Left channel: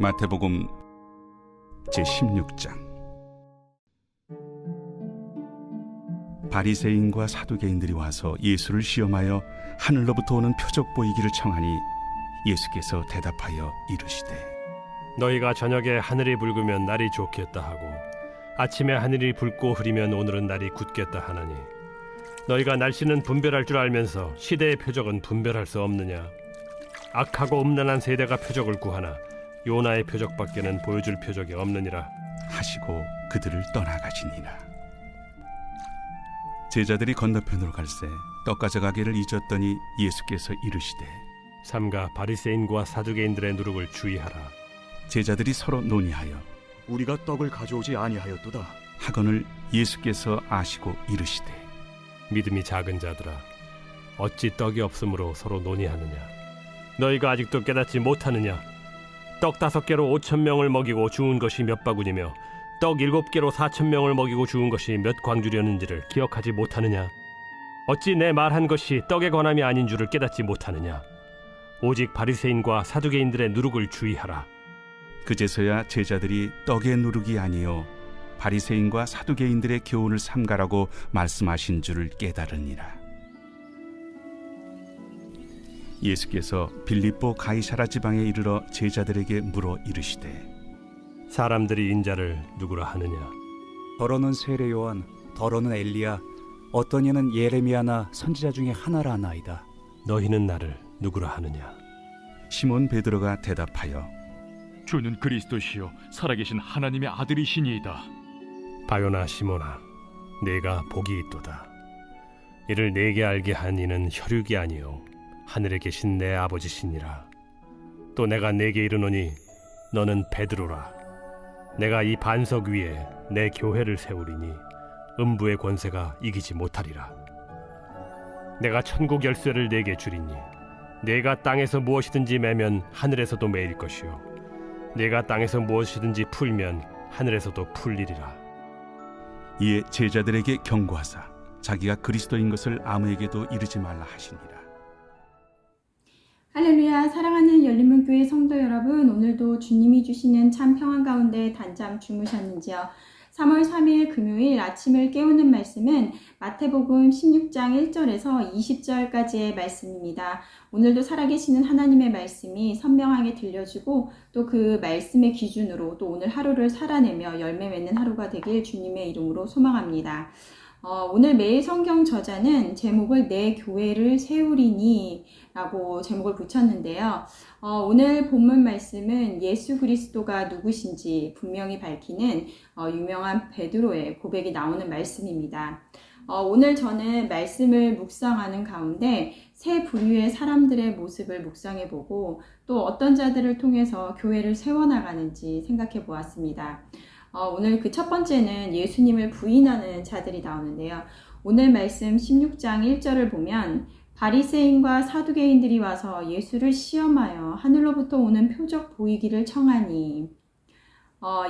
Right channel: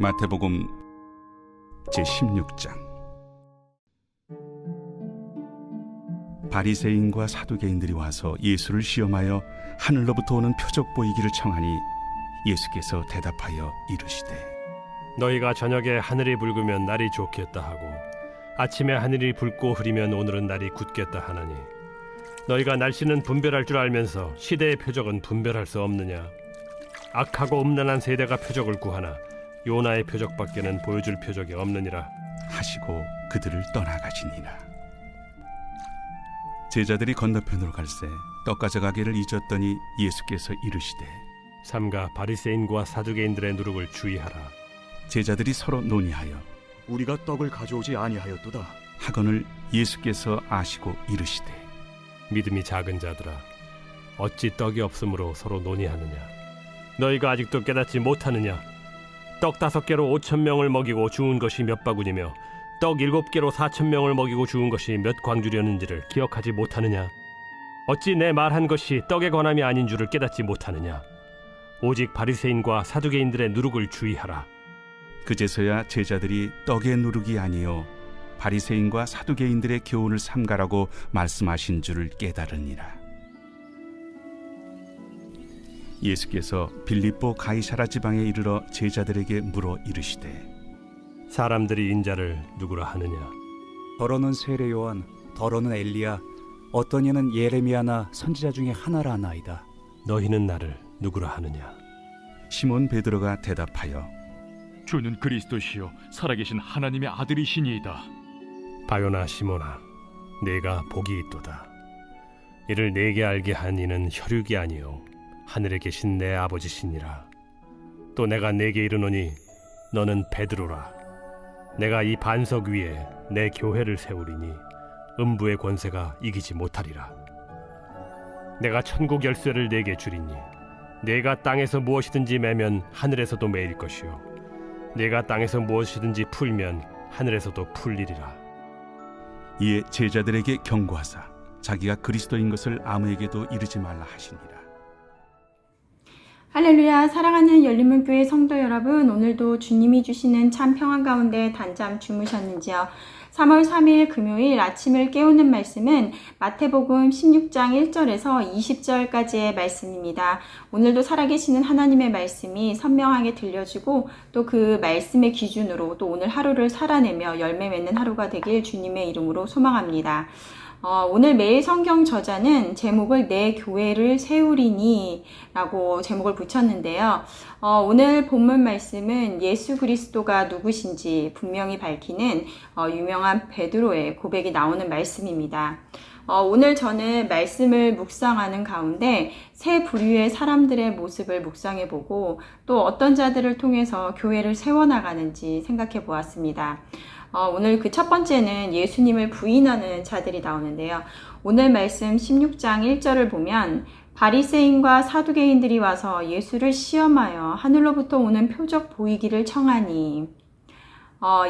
마태복음 제16장. 바리새인과 사두개인들이 와서 예수를 시험하여 하늘로부터 오는 표적 보이기를 청하니 예수께서 대답하여 이르시되 너희가 저녁에 하늘이 붉으면 날이 좋겠다 하고 아침에 하늘이 붉고 흐리면 오늘은 날이 굳겠다 하나니 너희가 날씨는 분별할 줄 알면서 시대의 표적은 분별할 수 없느냐? 악하고 음란한 세대가 표적을 구하나 요나의 표적밖에는 보여줄 표적이 없느니라 하시고 그들을 떠나가시니라. 제자들이 건너편으로 갈새 떡 가져가기를 잊었더니 예수께서 이르시되 삼가 바리새인과 사두개인들의 누룩을 주의하라. 제자들이 서로 논의하여 우리가 떡을 가져오지 아니하였도다 하거늘 예수께서 아시고 이르시되 믿음이 작은 자들아, 어찌 떡이 없으므로 서로 논의하느냐? 너희가 아직도 깨닫지 못하느냐? 떡 5개로 5,000명을 먹이고 주운 것이 몇 바구니며 떡 7개로 4,000명을 먹이고 주운 것이 몇 광주렸는지를 기억하지 못하느냐? 어찌 내 말한 것이 떡에 관함이 아닌 줄을 깨닫지 못하느냐? 오직 바리새인과 사두개인들의 누룩을 주의하라. 그제서야 제자들이 떡의 누룩이 아니요 바리새인과 사두개인들의 교훈을 삼가라고 말씀하신 줄을 깨달으니라. 예수께서 빌립보 가이사라 지방에 이르러 제자들에게 물어 이르시되 사람들이 인자를 누구라 하느냐? 더러는 세례 요한, 더러는 엘리야, 어떤 이는 예레미야나 선지자 중에 하나라 하나이다. 너희는 나를 누구라 하느냐? 시몬 베드로가 대답하여 주는 그리스도시요 살아계신 하나님의 아들이시니이다. 바요나 시몬아, 내가 복이 있도다. 이를 내게 알게 한 이는 혈육이 아니요 하늘에 계신 내 아버지시니라. 또 내가 내게 이르노니 너는 베드로라. 내가 이 반석 위에 내 교회를 세우리니 음부의 권세가 이기지 못하리라. 내가 천국 열쇠를 내게 주리니 내가 땅에서 무엇이든지 매면 하늘에서도 매일 것이요 내가 땅에서 무엇이든지 풀면 하늘에서도 풀리리라. 이에 제자들에게 경고하사 자기가 그리스도인 것을 아무에게도 이르지 말라 하시니라. 할렐루야. 사랑하는 열린문교회 성도 여러분, 오늘도 주님이 주시는 참 평안 가운데 단잠 주무셨는지요? 3월 3일 금요일 아침을 깨우는 말씀은 마태복음 16장 1절에서 20절까지의 말씀입니다. 오늘도 살아계시는 하나님의 말씀이 선명하게 들려주고 또 그 말씀의 기준으로 또 오늘 하루를 살아내며 열매 맺는 하루가 되길 주님의 이름으로 소망합니다. 오늘 매일 성경 저자는 제목을 내 교회를 세우리니 라고 제목을 붙였는데요. 오늘 본문 말씀은 예수 그리스도가 누구신지 분명히 밝히는 유명한 베드로의 고백이 나오는 말씀입니다. 오늘 저는 말씀을 묵상하는 가운데 세 부류의 사람들의 모습을 묵상해보고 또 어떤 자들을 통해서 교회를 세워나가는지 생각해 보았습니다. 오늘 그 첫 번째는 예수님을 부인하는 자들이 나오는데요. 오늘 말씀 16장 1절을 보면 바리새인과 사두개인들이 와서 예수를 시험하여 하늘로부터 오는 표적 보이기를 청하니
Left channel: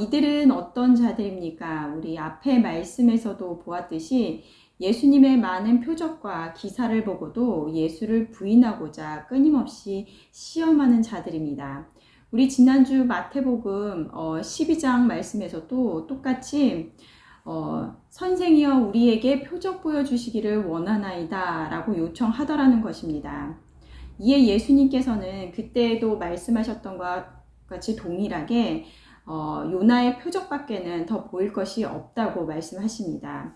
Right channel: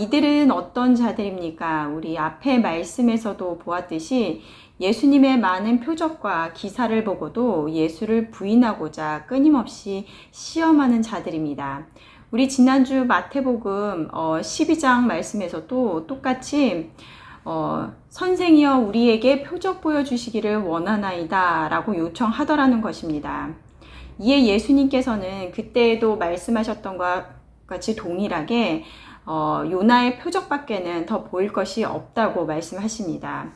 이들은 어떤 자들입니까? 우리 앞에 말씀에서도 보았듯이 예수님의 많은 표적과 기사를 보고도 예수를 부인하고자 끊임없이 시험하는 자들입니다. 우리 지난주 마태복음 12장 말씀에서도 똑같이 선생이여 우리에게 표적 보여주시기를 원하나이다 라고 요청하더라는 것입니다. 이에 예수님께서는 그때에도 말씀하셨던 것과 같이 동일하게 요나의 표적밖에는 더 보일 것이 없다고 말씀하십니다.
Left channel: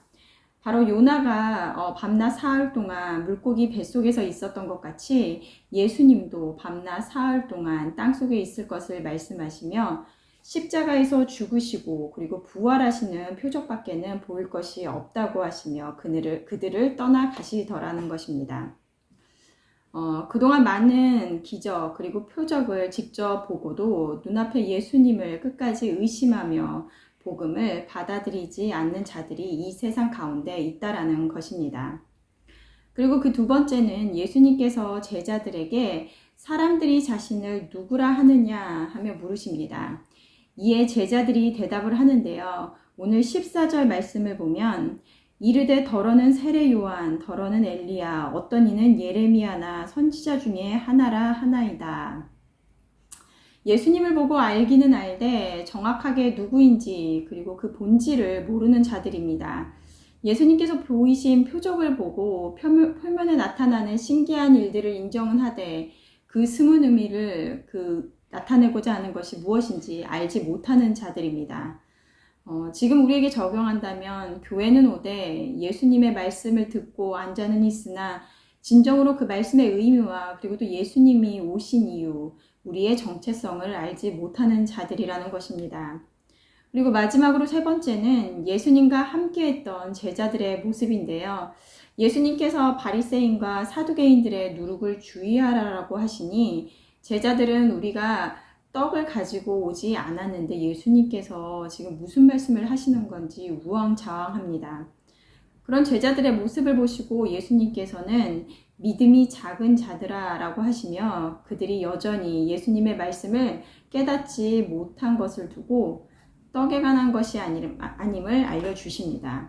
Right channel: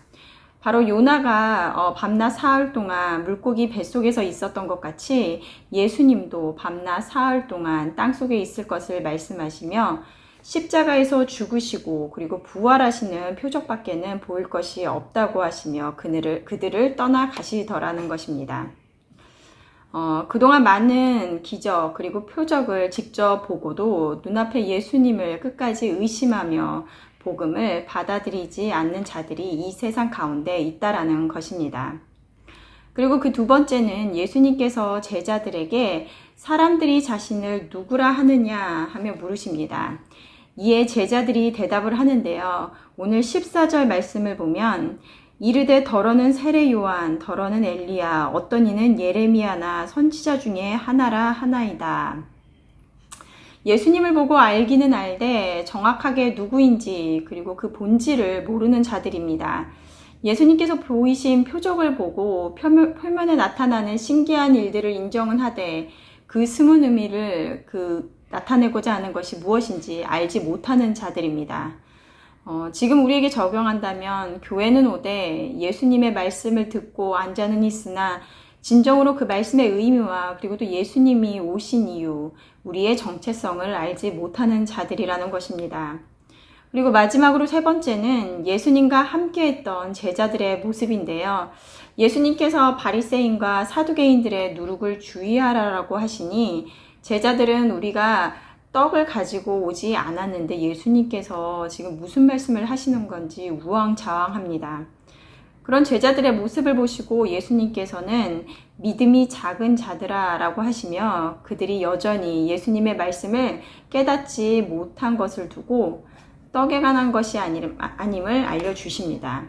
바로 요나가 밤낮 사흘 동안 물고기 뱃속에서 있었던 것 같이 예수님도 밤낮 사흘 동안 땅속에 있을 것을 말씀하시며 십자가에서 죽으시고 그리고 부활하시는 표적밖에는 보일 것이 없다고 하시며 그들을 떠나가시더라는 것입니다. 그동안 많은 기적 그리고 표적을 직접 보고도 눈앞에 예수님을 끝까지 의심하며 복음을 받아들이지 않는 자들이 이 세상 가운데 있다라는 것입니다. 그리고 그 두 번째는 예수님께서 제자들에게 사람들이 자신을 누구라 하느냐 하며 물으십니다. 이에 제자들이 대답을 하는데요. 오늘 14절 말씀을 보면 이르되 더러는 세례 요한, 더러는 엘리야, 어떤 이는 예레미야나 선지자 중에 하나라 하나이다. 예수님을 보고 알기는 알되 정확하게 누구인지 그리고 그 본질을 모르는 자들입니다. 예수님께서 보이신 표적을 보고 표면에 나타나는 신기한 일들을 인정은 하되 그 숨은 의미를 나타내고자 하는 것이 무엇인지 알지 못하는 자들입니다. 지금 우리에게 적용한다면 교회는 오되 예수님의 말씀을 듣고 앉아는 있으나 진정으로 그 말씀의 의미와 그리고 또 예수님이 오신 이유, 우리의 정체성을 알지 못하는 자들이라는 것입니다. 그리고 마지막으로 세 번째는 예수님과 함께했던 제자들의 모습인데요. 예수님께서 바리새인과 사두개인들의 누룩을 주의하라고 하시니 제자들은 우리가 떡을 가지고 오지 않았는데 예수님께서 지금 무슨 말씀을 하시는 건지 우왕좌왕합니다. 그런 제자들의 모습을 보시고 예수님께서는 믿음이 작은 자들아 라고 하시며 그들이 여전히 예수님의 말씀을 깨닫지 못한 것을 두고 떡에 관한 것이 아님을 알려주십니다.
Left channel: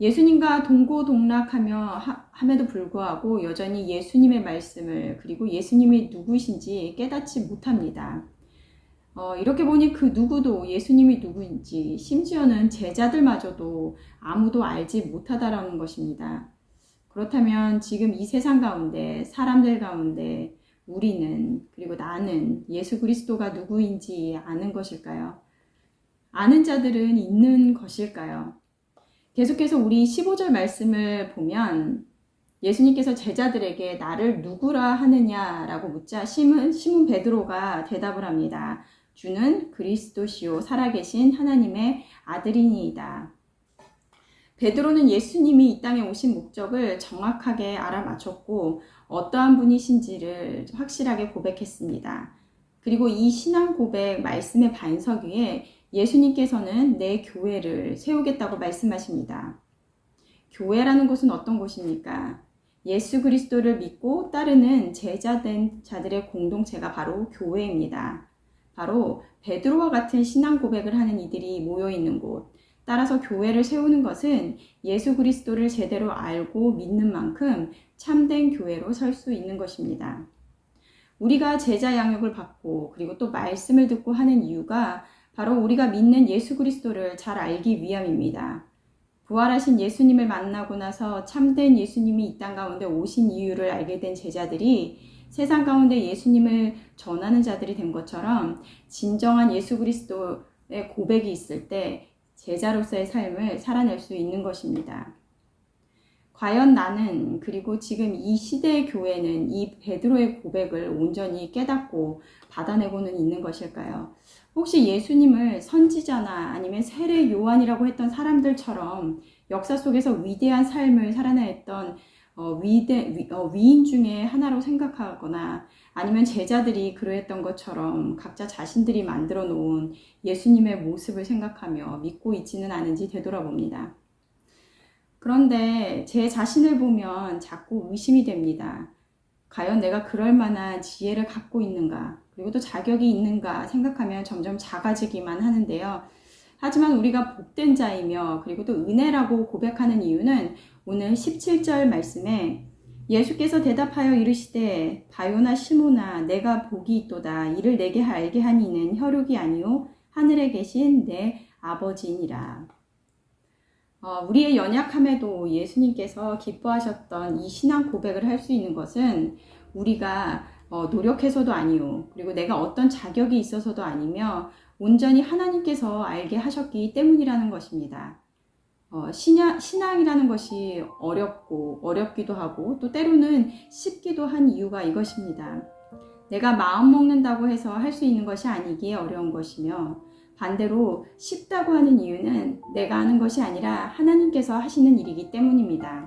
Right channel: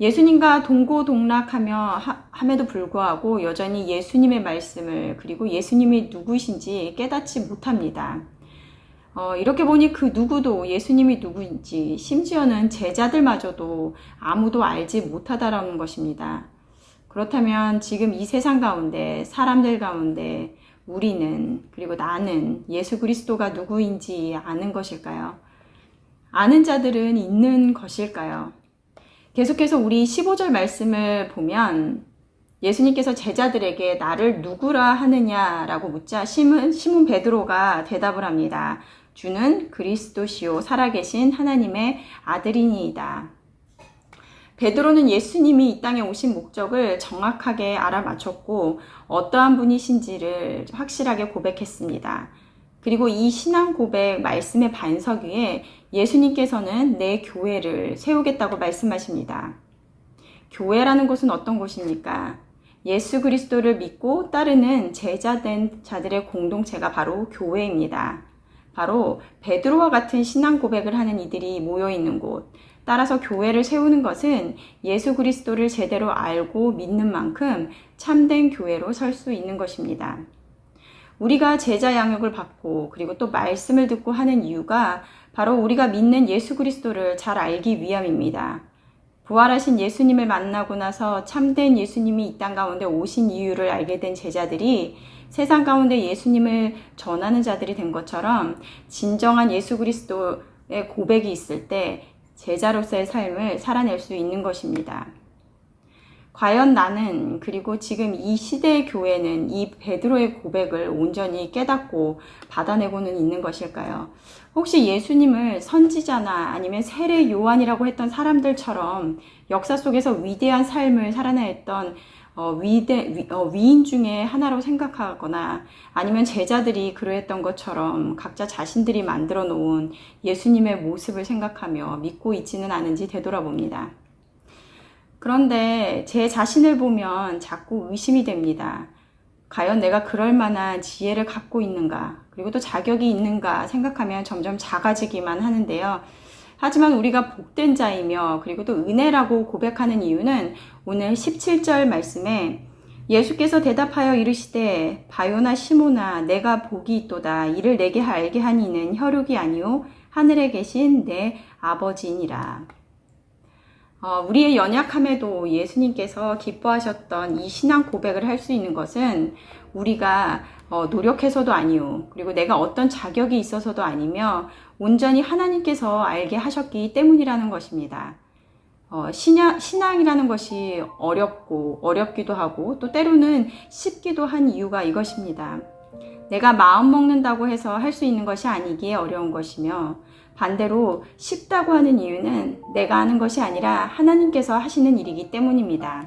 예수님과 동고동락함에도 불구하고 여전히 예수님의 말씀을 그리고 예수님이 누구신지 깨닫지 못합니다. 이렇게 보니 그 누구도 예수님이 누구인지 심지어는 제자들마저도 아무도 알지 못하다라는 것입니다. 그렇다면 지금 이 세상 가운데 사람들 가운데 우리는 그리고 나는 예수 그리스도가 누구인지 아는 것일까요? 아는 자들은 있는 것일까요? 계속해서 우리 15절 말씀을 보면 예수님께서 제자들에게 나를 누구라 하느냐라고 묻자 시몬 베드로가 대답을 합니다. 주는 그리스도시요 살아계신 하나님의 아들이니이다. 베드로는 예수님이 이 땅에 오신 목적을 정확하게 알아맞혔고 어떠한 분이신지를 확실하게 고백했습니다. 그리고 이 신앙 고백 말씀의 반석 위에 예수님께서는 내 교회를 세우겠다고 말씀하십니다. 교회라는 곳은 어떤 곳입니까? 예수 그리스도를 믿고 따르는 제자된 자들의 공동체가 바로 교회입니다. 바로 베드로와 같은 신앙 고백을 하는 이들이 모여 있는 곳. 따라서 교회를 세우는 것은 예수 그리스도를 제대로 알고 믿는 만큼 참된 교회로 설 수 있는 것입니다. 우리가 제자 양육을 받고 그리고 또 말씀을 듣고 하는 이유가 바로 우리가 믿는 예수 그리스도를 잘 알기 위함입니다. 부활하신 예수님을 만나고 나서 참된 예수님이 이 땅 가운데 오신 이유를 알게 된 제자들이 세상 가운데 예수님을 전하는 자들이 된 것처럼 진정한 예수 그리스도의 고백이 있을 때 제자로서의 삶을 살아낼 수 있는 것입니다. 과연 나는 그리고 지금 이 시대의 교회는 이 베드로의 고백을 온전히 깨닫고 받아내고는 있는 것일까요? 혹시 예수님을 선지자나 아니면 세례 요한이라고 했던 사람들처럼 역사 속에서 위대한 삶을 살아냈던 위인 중에 하나로 생각하거나 아니면 제자들이 그러했던 것처럼 각자 자신들이 만들어 놓은 예수님의 모습을 생각하며 믿고 있지는 않은지 되돌아봅니다. 그런데 제 자신을 보면 자꾸 의심이 됩니다. 과연 내가 그럴 만한 지혜를 갖고 있는가, 그리고 또 자격이 있는가 생각하면 점점 작아지기만 하는데요. 하지만 우리가 복된 자이며 그리고 또 은혜라고 고백하는 이유는 오늘 17절 말씀에 예수께서 대답하여 이르시되 바요나 시모나 내가 복이 있도다. 이를 내게 알게 한 이는 혈육이 아니요 하늘에 계신 내 아버지니라. 우리의 연약함에도 예수님께서 기뻐하셨던 이 신앙 고백을 할 수 있는 것은 우리가 노력해서도 아니요 그리고 내가 어떤 자격이 있어서도 아니며 온전히 하나님께서 알게 하셨기 때문이라는 것입니다. 신앙이라는 것이 어렵기도 하고 또 때로는 쉽기도 한 이유가 이것입니다. 내가 마음 먹는다고 해서 할 수 있는 것이 아니기에 어려운 것이며 반대로 쉽다고 하는 이유는 내가 하는 것이 아니라 하나님께서 하시는 일이기 때문입니다.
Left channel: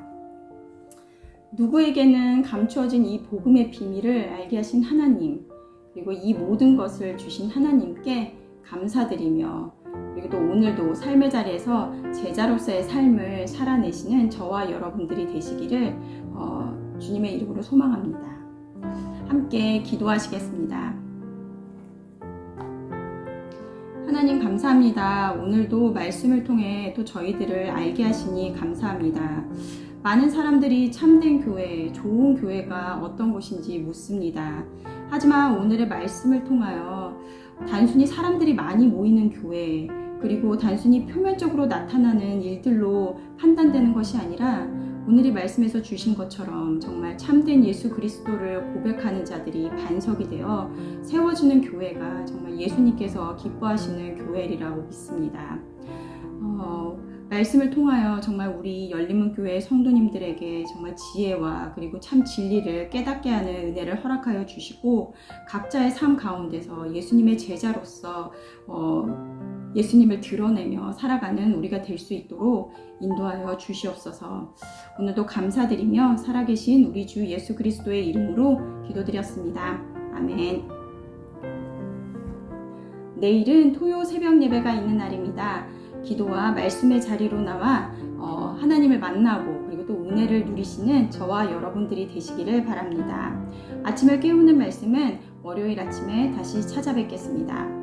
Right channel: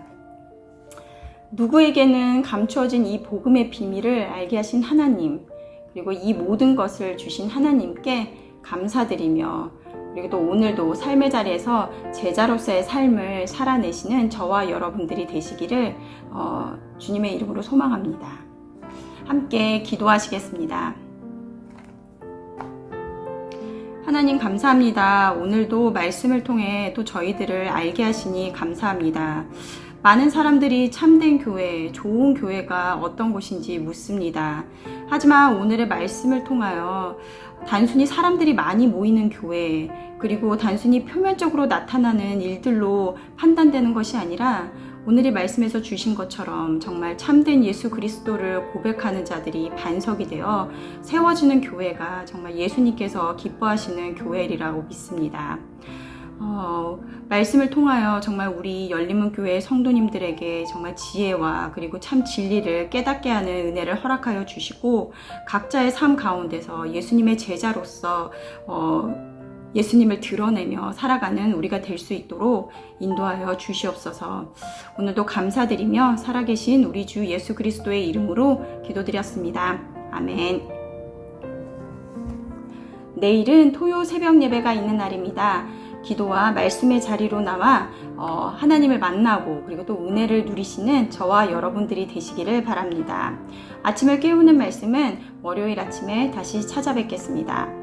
누구에게는 감추어진 이 복음의 비밀을 알게 하신 하나님, 그리고 이 모든 것을 주신 하나님께 감사드리며 그리고 또 오늘도 삶의 자리에서 제자로서의 삶을 살아내시는 저와 여러분들이 되시기를 주님의 이름으로 소망합니다. 함께 기도하시겠습니다. 하나님 감사합니다. 오늘도 말씀을 통해 또 저희들을 알게 하시니 감사합니다. 많은 사람들이 참된 교회, 좋은 교회가 어떤 곳인지 묻습니다. 하지만 오늘의 말씀을 통하여 단순히 사람들이 많이 모이는 교회, 그리고 단순히 표면적으로 나타나는 일들로 판단되는 것이 아니라 오늘의 말씀에서 주신 것처럼 정말 참된 예수 그리스도를 고백하는 자들이 반석이 되어 세워지는 교회가 정말 예수님께서 기뻐하시는 교회리라고 믿습니다. 말씀을 통하여 정말 우리 열린문교회 성도님들에게 정말 지혜와 그리고 참 진리를 깨닫게 하는 은혜를 허락하여 주시고 각자의 삶 가운데서 예수님의 제자로서 예수님을 드러내며 살아가는 우리가 될 수 있도록 인도하여 주시옵소서. 오늘도 감사드리며 살아계신 우리 주 예수 그리스도의 이름으로 기도드렸습니다. 아멘. 내일은 토요 새벽 예배가 있는 날입니다. 기도와 말씀의 자리로 나와 하나님을 만나고 그리고 또 은혜를 누리시는 저와 여러분들이 되시기를 바랍니다. 아침을 깨우는 말씀은 월요일 아침에 다시 찾아뵙겠습니다.